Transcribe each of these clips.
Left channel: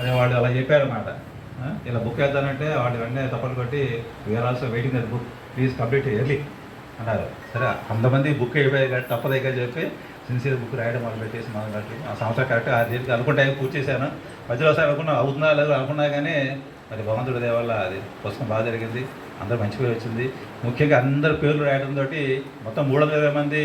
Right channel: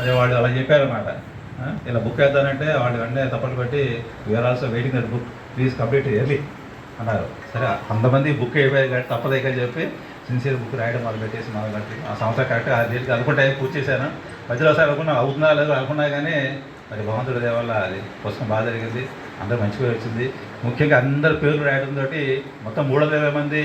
అదే వాళ్ళు అలా చెప్పారన్నమాట. ఇలా బుక్ వేద్దానంటే వాళ్ళు వెంటనే తప్పలు కొట్టి we are also waiting that book, please complete early అన్నారు. సరే అంతమంది బుక్ అయిపోయాయి కాబట్టి తప్పదైతే చెప్పి సిన్సియర్ బుక్ రాయడం మొదలు పెట్టేసి మొదలు పెట్టి ఆ సంవత్సరం కరెక్ట్గా 6 రోజులకి అనుకుంటే పూర్తి చేశాను. మధ్యలో ఒకసారి అనుకున్నా అవుతుందా లేదు అనుకున్నా కానీ అది భగవంతుడి దయ వల్ల అది పుస్తకం బాగా జరిగింది, అందరూ మంచిగా వచ్చింది. ముఖ్యంగా అందరి పేర్లు రాయడంతో మొత్తం 320 మంది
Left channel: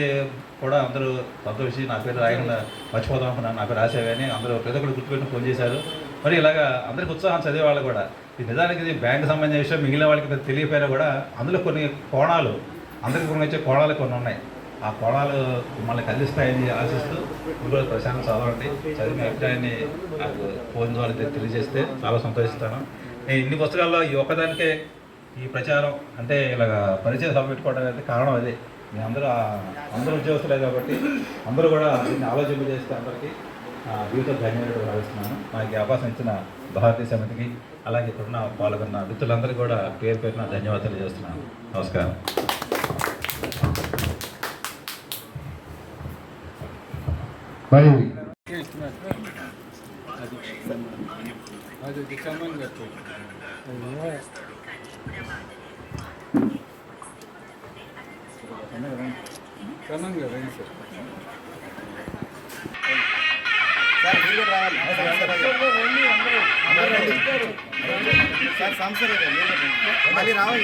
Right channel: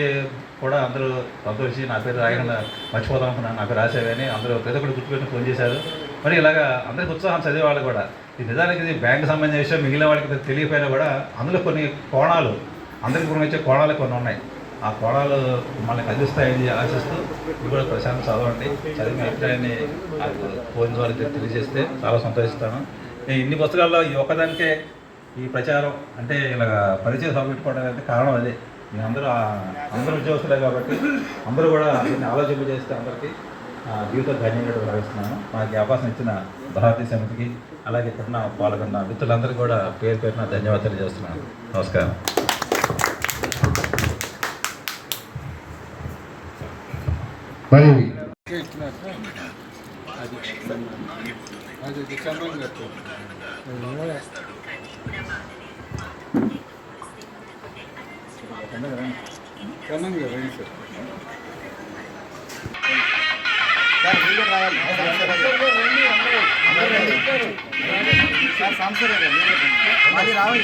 కూడా అందరూ సంతోషి నా పేరు రాయకుండా మర్చిపోతాం అనుకున్నాను, నా పేరు రాసేవని అందరూ ప్రతి ఒక్కరు గుర్తుపెట్టి ఫోన్ చేశారు. మరి ఇలాగా అందరికి ఉత్సాహం చదివే వాళ్ళు కూడా ఇది నిజానికి ఇది బ్యాంకు సంబంధించిన విషయం మిగిలిన వాళ్ళకి తెలియకపోయినా కూడా అందులో కొన్ని కోణాలు అందరికీ కొన్ని వచ్చే కోణాలు కొన్ని ఉన్నాయి. ఆ కోణాలు మనకి అందిస్తాయని ఆశిస్తూ ఇప్పుడు కూడా ప్రశాంతం చదవండి, చదివిన అభిప్రాయాన్ని నాకు ఫోన్ ద్వారా తెలియజేస్తే చాలా సంతోషిస్తాను. నేను ఇన్ని పుస్తకాల్లో ఈ ఒక్కదానికే ఈ ప్రచారం అంటే ఇలాగ పరిచయ సభ పెట్టుకోవడానికి కారణం అదే. నేను అందరూ ఉద్యోగస్తులే కాబట్టి అందరూ కూడా దీన్ని ఆలోచింప చేస్తే అందరికీ జీవిత ధన్యవాదాలు భావిస్తున్నాను. నాకు అవకాశం ఇచ్చిన భారతీయ సమితికి అలాగే ఇప్పుడున్న పాల్గొన్న మిత్రులందరికీ కూడా పేరు పేరున ధన్యవాదాలు చేస్తున్నాను. నమస్కారం. క్షమంగా రండి సార్. సార్ సంవత్సరం మళ్ళీ రావాలి.